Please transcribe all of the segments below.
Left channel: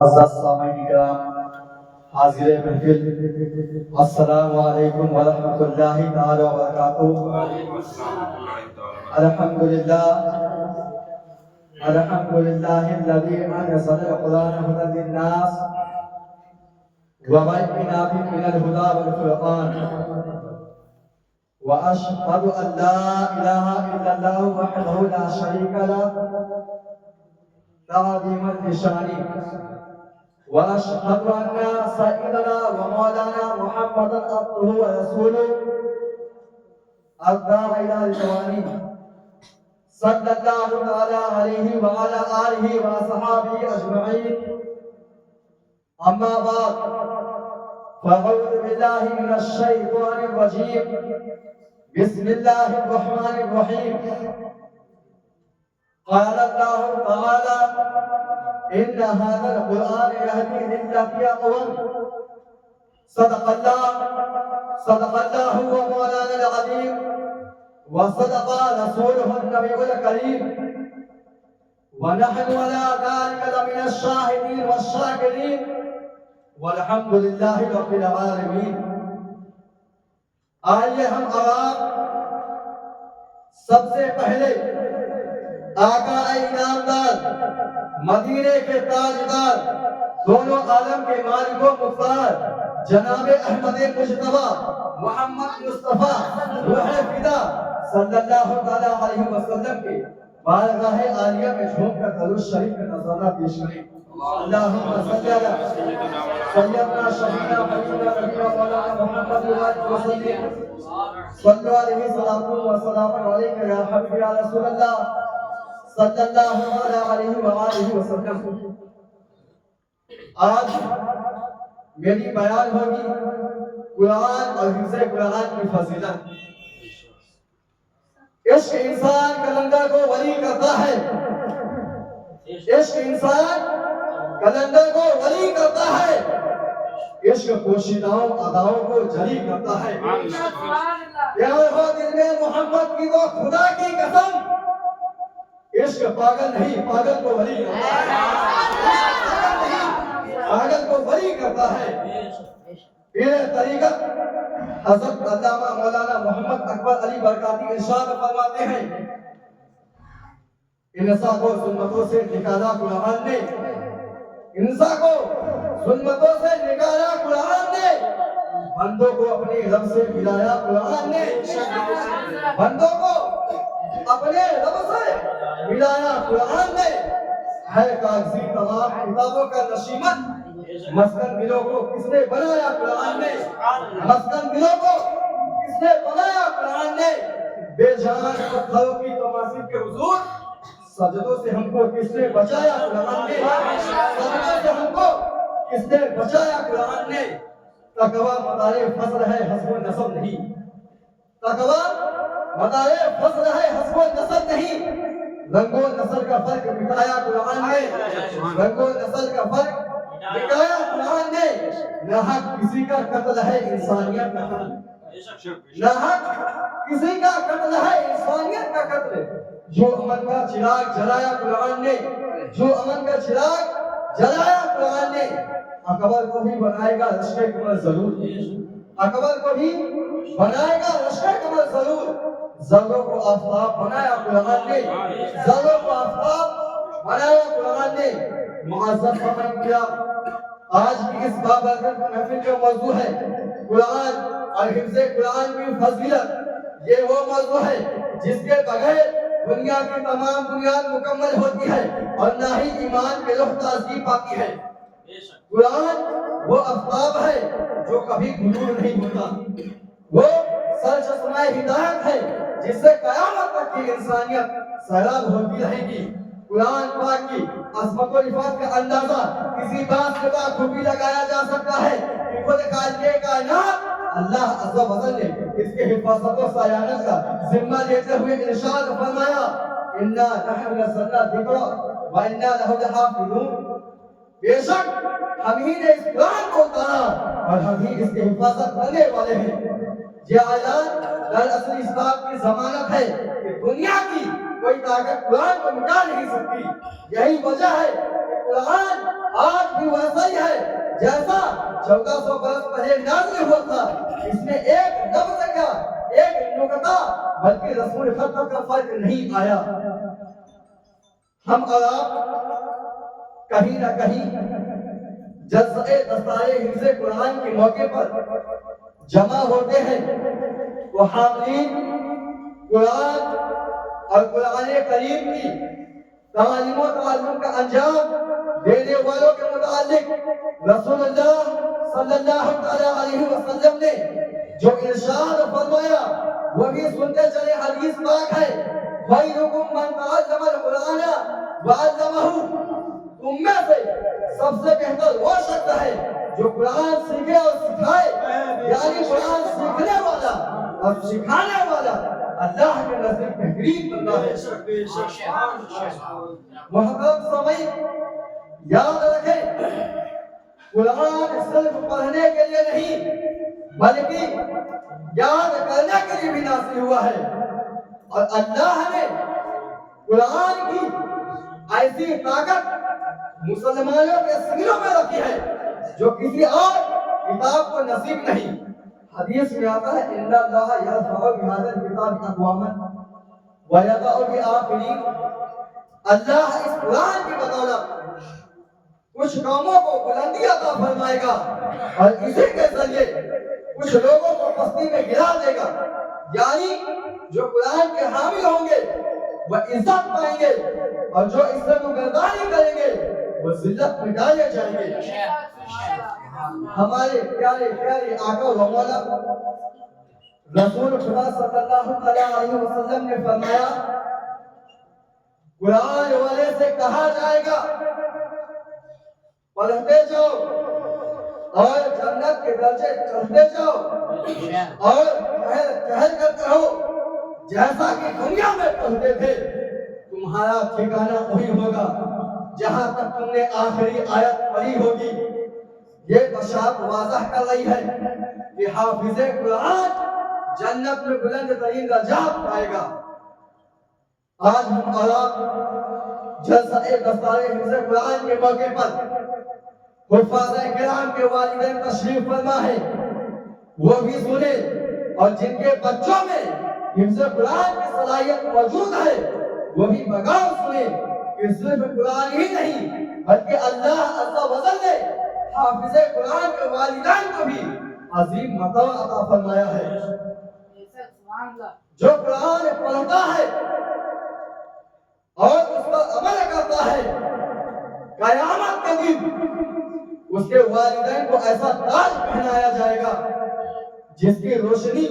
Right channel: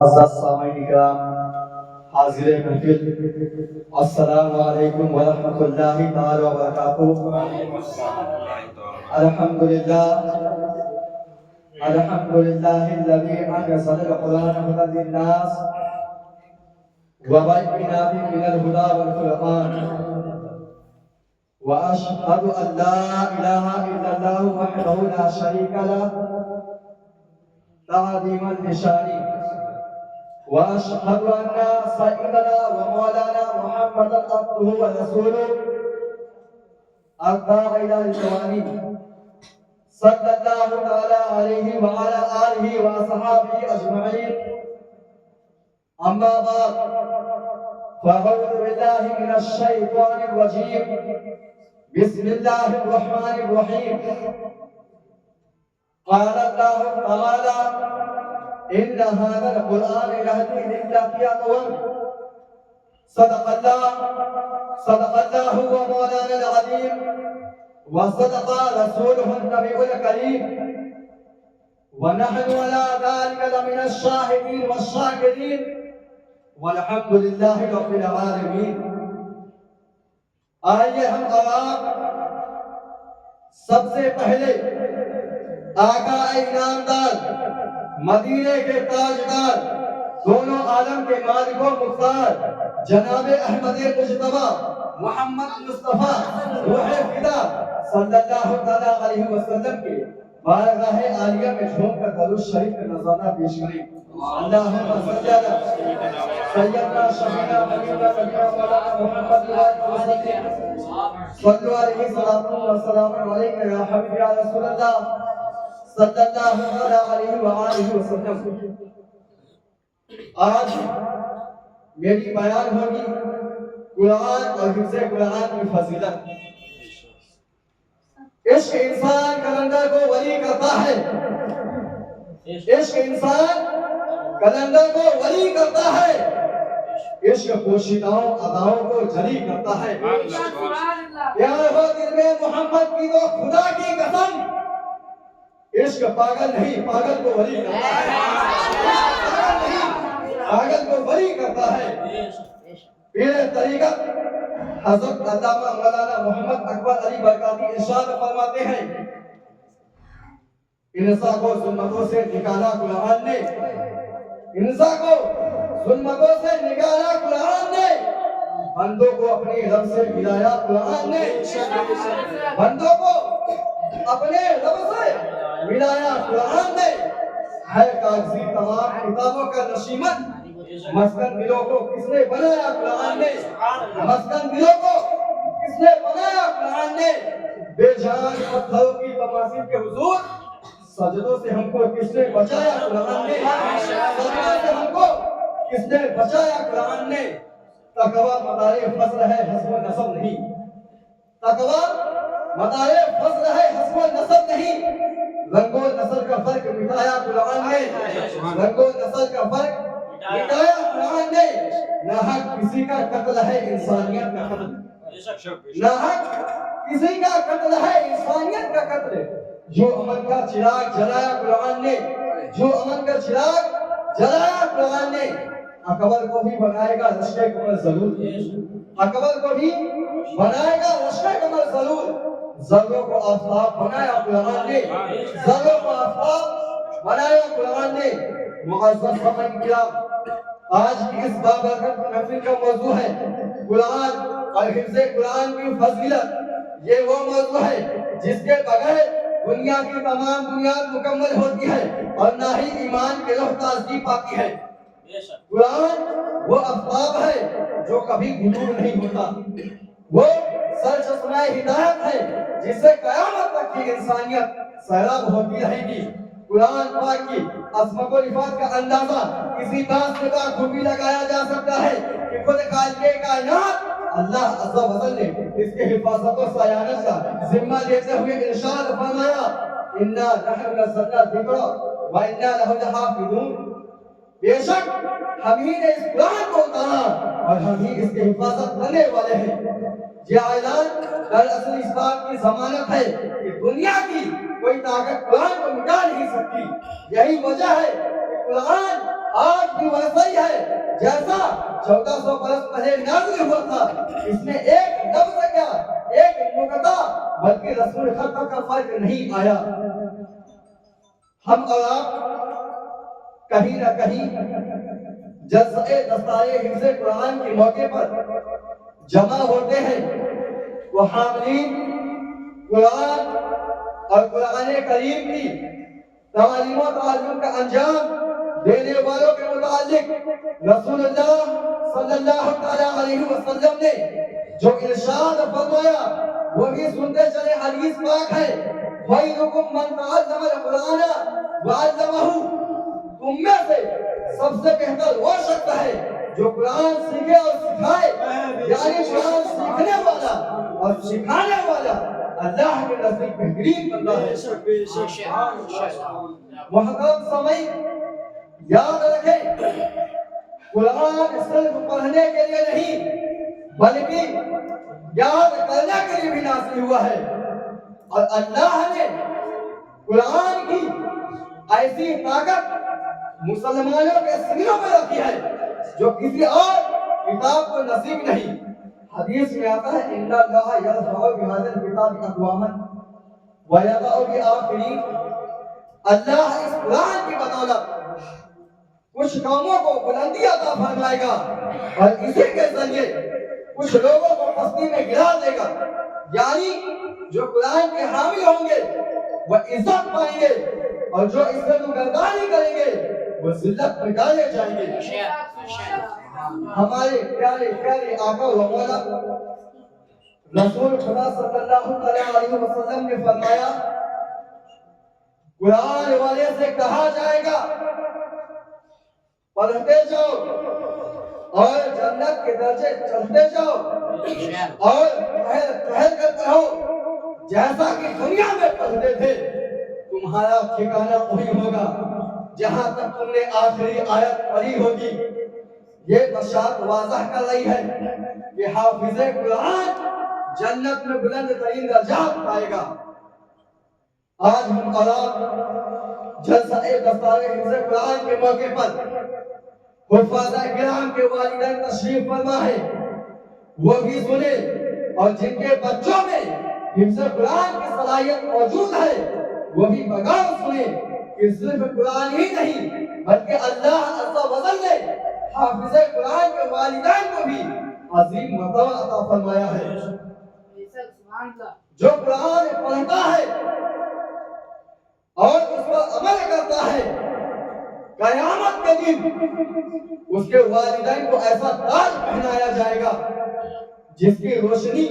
السامعین کرام، حاضر محفل، السلام علیکم ورحمۃ اللہ تعالی وبرکاتہ۔ الحمدللہ الحمدللہ الذی انزل القرآن هدى للناس وبينات من الهدى والفرقان، واشهد ان لا اله الا الله وحده لا شريك له تعظيما لشانه، واشهد ان سيدنا ومولانا محمدا عبده ورسوله الداعي الى الجوانب صلى الله تعالى عليه وعلى اله واصحابه اجمعين. اما بعد، فاعوذ بالله من الشيطان الرجيم. بسم الله الرحمن الرحيم. قال الله تعالى: إن هذا القرآن يهدي للتي أقوم. صدق الله ومولانا العظيم، وصدق رسوله النبي الكريم، ونحن على ذلك لمن الشاهدين والشاكرين، والحمد لله رب العالمين. آئیے ہم آپ سب سے پہلے آقا انعامدار، مدینے کے تاجدار، دونوں عالم کے مالک و مختار جناب احمد مجتبیٰ محمد مصطفیٰ روح فدا صلی اللہ تعالی علیہ وسلم کے بارگاہ عالیہ میں جھوم کر درود شریف کا نذرانہ پیش کریں. اللہم صلی علی سیدنا شفیعنا حبیبنا نبینا مولانا محمد وسلم. صلو علیہ السلام علیکم یا حبیب یا رسول اللہ صلی اللہ علیہ وآلہ وسلم. آج میری بیان ہوگی قرآن اور حفظ قرآن کی فضیلت. عشق انسان کلندر کو ولی کرتا ہے، عشق انسان کلندر کو ولی کرتا ہے، عشق پوشیداؤں اداؤں کو جلی کرتا ہے. پیار ہو دل میں محمد کی تو خدا کی قسم، عشق پاگل نہیں، پاگل کو ولی کرتا ہے، پاگل کو ولی کرتا ہے. پیر طریقت حضرت علامہ مولانا محمد اکبر علی برکاتی ارشاد فرماتے ہیں: انسان کو ظلمتوں سے نکالا قرآن نے، انسان کو ظلمتوں سے نکالا قرآن نے، بندوں کو اپنی رب سے ملایا قرآن نے، بندوں کو اپنے رب سے ملایا قرآن نے. ہے کاغذی تمام کتابوں کا نشیمن، مسکن دلوں کو کس نے بنایا قرآن نے، مسکن دلوں کو کس نے بنایا قرآن نے. بے جان پتھروں کی تماثیل کے حضور سجدوں سے ہم کو کس نے بچایا قرآن نے، سجدوں سے ہم کو کس نے بچایا قرآن نے. تقویٰ مدار فضل ہے حسب و نسب نہیں، تقویٰ مدار فضل ہے حسب و نسب نہیں. رنگ و نسل کا فرق مٹایا قرآن نے، رنگ و نسل کا فرق مٹایا قرآن نے. نہ حق کسی کا قتل ہے انسانیت کا قتل، نہ حق کسی کا قتل ہے انسانیت کا قتل. جو امن کا چراغ جلایا قرآن نے، جو امن کا چراغ جلایا قرآن نے. اکبر کو بھی بنائے گا رشک قمر ضرور، اکبر کو بھی بنائے گا رشک قمر ضرور. ذروں کو آفتاب بنایا قرآن نے، ذروں کو آفتاب بنایا قرآن نے. معزز سامعین کرام، آج کی اس بابرکت محفل کا موضوع ہے قرآن اور حفظ قرآن کی فضیلت. یہ وہ موضوع ہے جس کے بغیر دنیا کی تمام بنیاد مکمل ہوتی ہے اور نہ ہی ایمان کی روح تازگی پاتی ہے. قرآن وہ آفتاب ہے جو کبھی غروب نہیں ہوتا، وہ سرچشمہ ہدایت ہے جس سے قیامت تک کی انسانیت سیراب ہوتی رہے گی. قرآن پاک کی عظمت و رفعت کا اندازہ کسی بات سے بخوبی لگایا جا سکتا ہے کہ خود خالق کائنات اللہ عز و جل نے اس کے حفاظت و صیانت کا ذمہ لیتے ہوئے ارشاد فرمایا: انا نحن نزلنا الذکر وانا لہ لحافظون. بے شک ہم ہی نے اس قرآن کو اتارا اور ہم ہی اس کی حفاظت کرنے والے ہیں. یہ اعلان دراصل اس بات کی ضمانت ہے کہ دنیا کی کوئی طاقت قرآن کو مٹا نہیں سکتی. یہی وجہ ہے کہ قرآن آج بھی بھی ویسا ہی ہے جیسا 1400 برس پہلے نازل ہوا تھا. اس میں ایک لفظ کا ایک نقطہ بلکہ رسول خط کا فرق نہیں آیا. ہم اور آپ کہیں نہ کہیں جلسہ دستار حفظ قرآن کے موقع پر جمع ہوتے ہیں. وہ حاملین قرآن اور قرآن کریم کی تعلیم و تعلم کا انجام دینے والوں کے متعلق رسول اللہ صلی اللہ علیہ وسلم نے جو ارشاد فرمایا وہی سنتے چلے. حدیث پاک ہے خیرکم من تعلم القرآن وعلمہ. تم میں سے سب سے بہتر وہ شخص ہے جو قرآن سیکھے اور سکھائے. یعنی قرآن سیکھنے والا اور سکھانے والا اللہ کے نزدیک بہترین بندہ ہے. محترم سامعین یاد رکھیں قرآن صرف پڑھنے کے لیے نہیں بلکہ یاد کرنے کے لیے بھی نازل ہوا ہے. اور اللہ نے قرآن کی ایسی طاقت مسلمانوں کے سینوں میں رکھی ہے جو کسی اور کتاب کو نصیب نہیں. حدیث میں آتا ہے ان اللہ یرفع بهذا الکتاب اقواما ویضع بآخرین. اللہ اس قرآن کی بدولت کچھ قوموں کو بلندی عطا فرمائے گا اور اسی کے ذریعے کچھ لوگوں کو پستی میں گرا دے گا. یعنی جو قرآن کے حامی ہوں گے وہ عزت پائیں گے اور جو عزت و گردانی کریں گے وہ ذلت میں ڈالے جائیں گے. ہمارے پیارے پیارے آقا و مولا رسول خدا صلی اللہ علیہ وسلم نے فرمایا قرآن والے سے کہا جائے گا پڑھتے جاؤ اور جنت کے درجے چڑھتے جاؤ اور ٹہل کر رہو جیسا کہ دنیا میں پڑھتے تھے. تمہارا ٹھکانہ وہی ہوگا جہاں تک تم نے آخری آیت پڑھی ہوگی. یہ بشارت واضح کر رہی ہے کہ حافظ قرآن جنت میں بلند ترین درجات پائے گا. آج ہم اور آپ جلسہ دستار حفظ قرآن کے موقع پر حفاظ کرام کے والدین تشریف فرما ہے وہ بھی سنے اور جن کے بچوں میں حفظ قرآن کی صلاحیت موجود ہے وہ بھی بغور سنے کہ صرف قرآن ہی نہیں بلکہ اللہ عز و جل نے حافظ قرآن کے والدین کو بھی عظیم مرتبہ عطا فرمایا ہے. جو قرآن پڑھتا ہے اور اس پر عمل کرتا ہے قیامت کے دن اس کے والدین کو ایسا تاج پہنایا جائے گا جس کی روشنی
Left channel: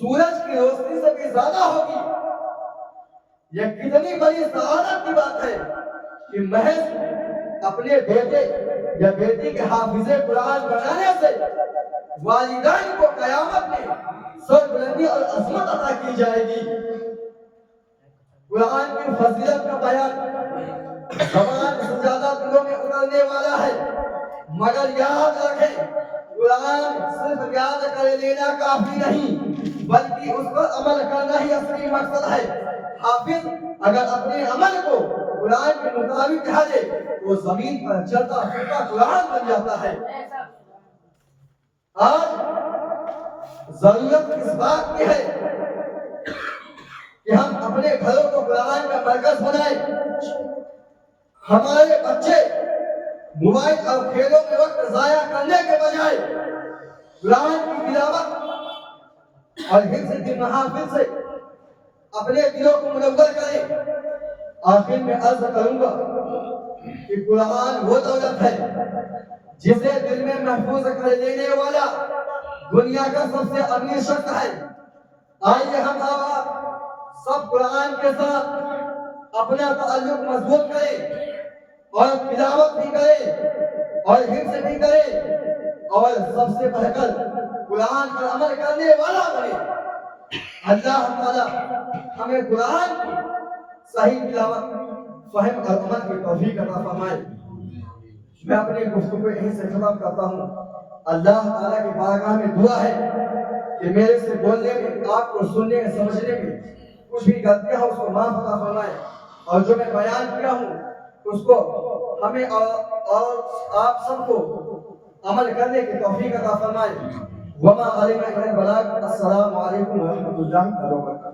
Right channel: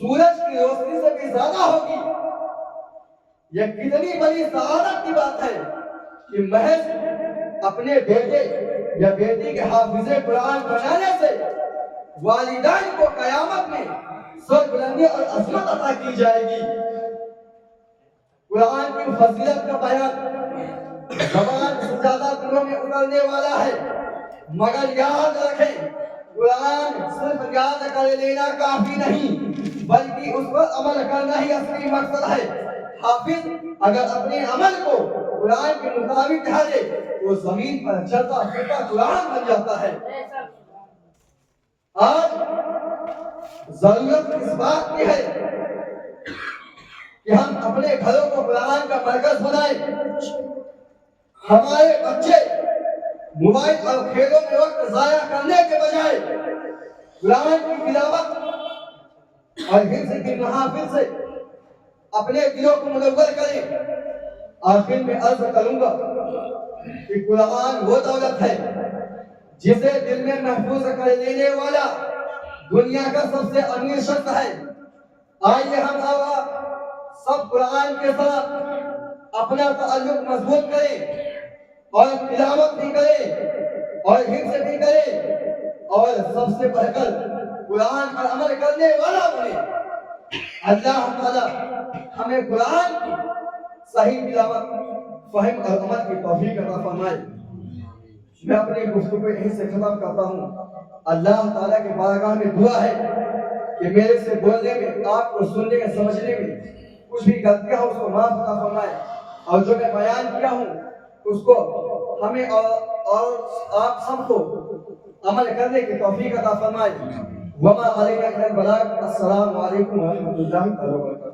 سورج کی روشنی سے بھی زیادہ ہوگی. یہ کتنی بڑی سعادت کی بات ہے کہ محض اپنے بیٹے یا بیٹی کے حافظ قرآن بنانے سے والدین کو قیامت میں سر بلندی اور عظمت عطا کی جائے گی. قرآن کی فضیلت کا بیان زبان سے زیادہ دلوں میں اترنے والا ہے مگر یاد رکھیں قرآن صرف یاد کر لینا کافی نہیں بلکہ اس پر عمل کرنا ہی اصلی مقصد ہے. حافظ اگر اپنے عمل کو قرآن کے مطابق ڈھالے وہ زمین پر چلتا پھرتا قرآن بن جاتا ہے. آج ضرورت اس بات کی ہے کہ ہم اپنے گھروں کو قرآن کا مرکز بنائیں. ہمارے بچے موبائل اور کھیلوں میں وقت ضائع کرنے کے بجائے قرآن کی تلاوت اور حفظ کی محافل سے اپنے دلوں کو منور کریں. آخر میں عرض کروں گا کہ قرآن وہ دولت ہے جسے دل میں محفوظ کر لینے والا دنیا کا سب سے امیر شخص ہے. آئیے ہم آپ سب قرآن کے ساتھ اپنا تعلق مضبوط کریں اور تلاوت بھی کریں اور حفظ بھی کریں اور سب سے بڑھ کر قرآن پر عمل کرنے والا بنے. اللہ تعالی ہمیں قرآن کی صحیح تلاوت فہم اور عمل کی توفیق عطا فرمائے. میں اپنی گفتگو یہیں سے ختم کرتا ہوں. اللہ تعالیٰ کی بارگاہ میں دعا ہے کہ میرے سے بولنے میں آپ کو سننے میں سمجھنے میں کچھ بھی غلطیاں ہوں اس کو معاف عطا فرمائے اور جو میں بیان کیا ہوں اس کو ہمیں اور آپ سب کو عمل کرنے کی توفیق عطا فرمائے۔ وما علینا الا البلاغ۔ السلام علیکم ورحمۃ اللہ وبرکاتہ۔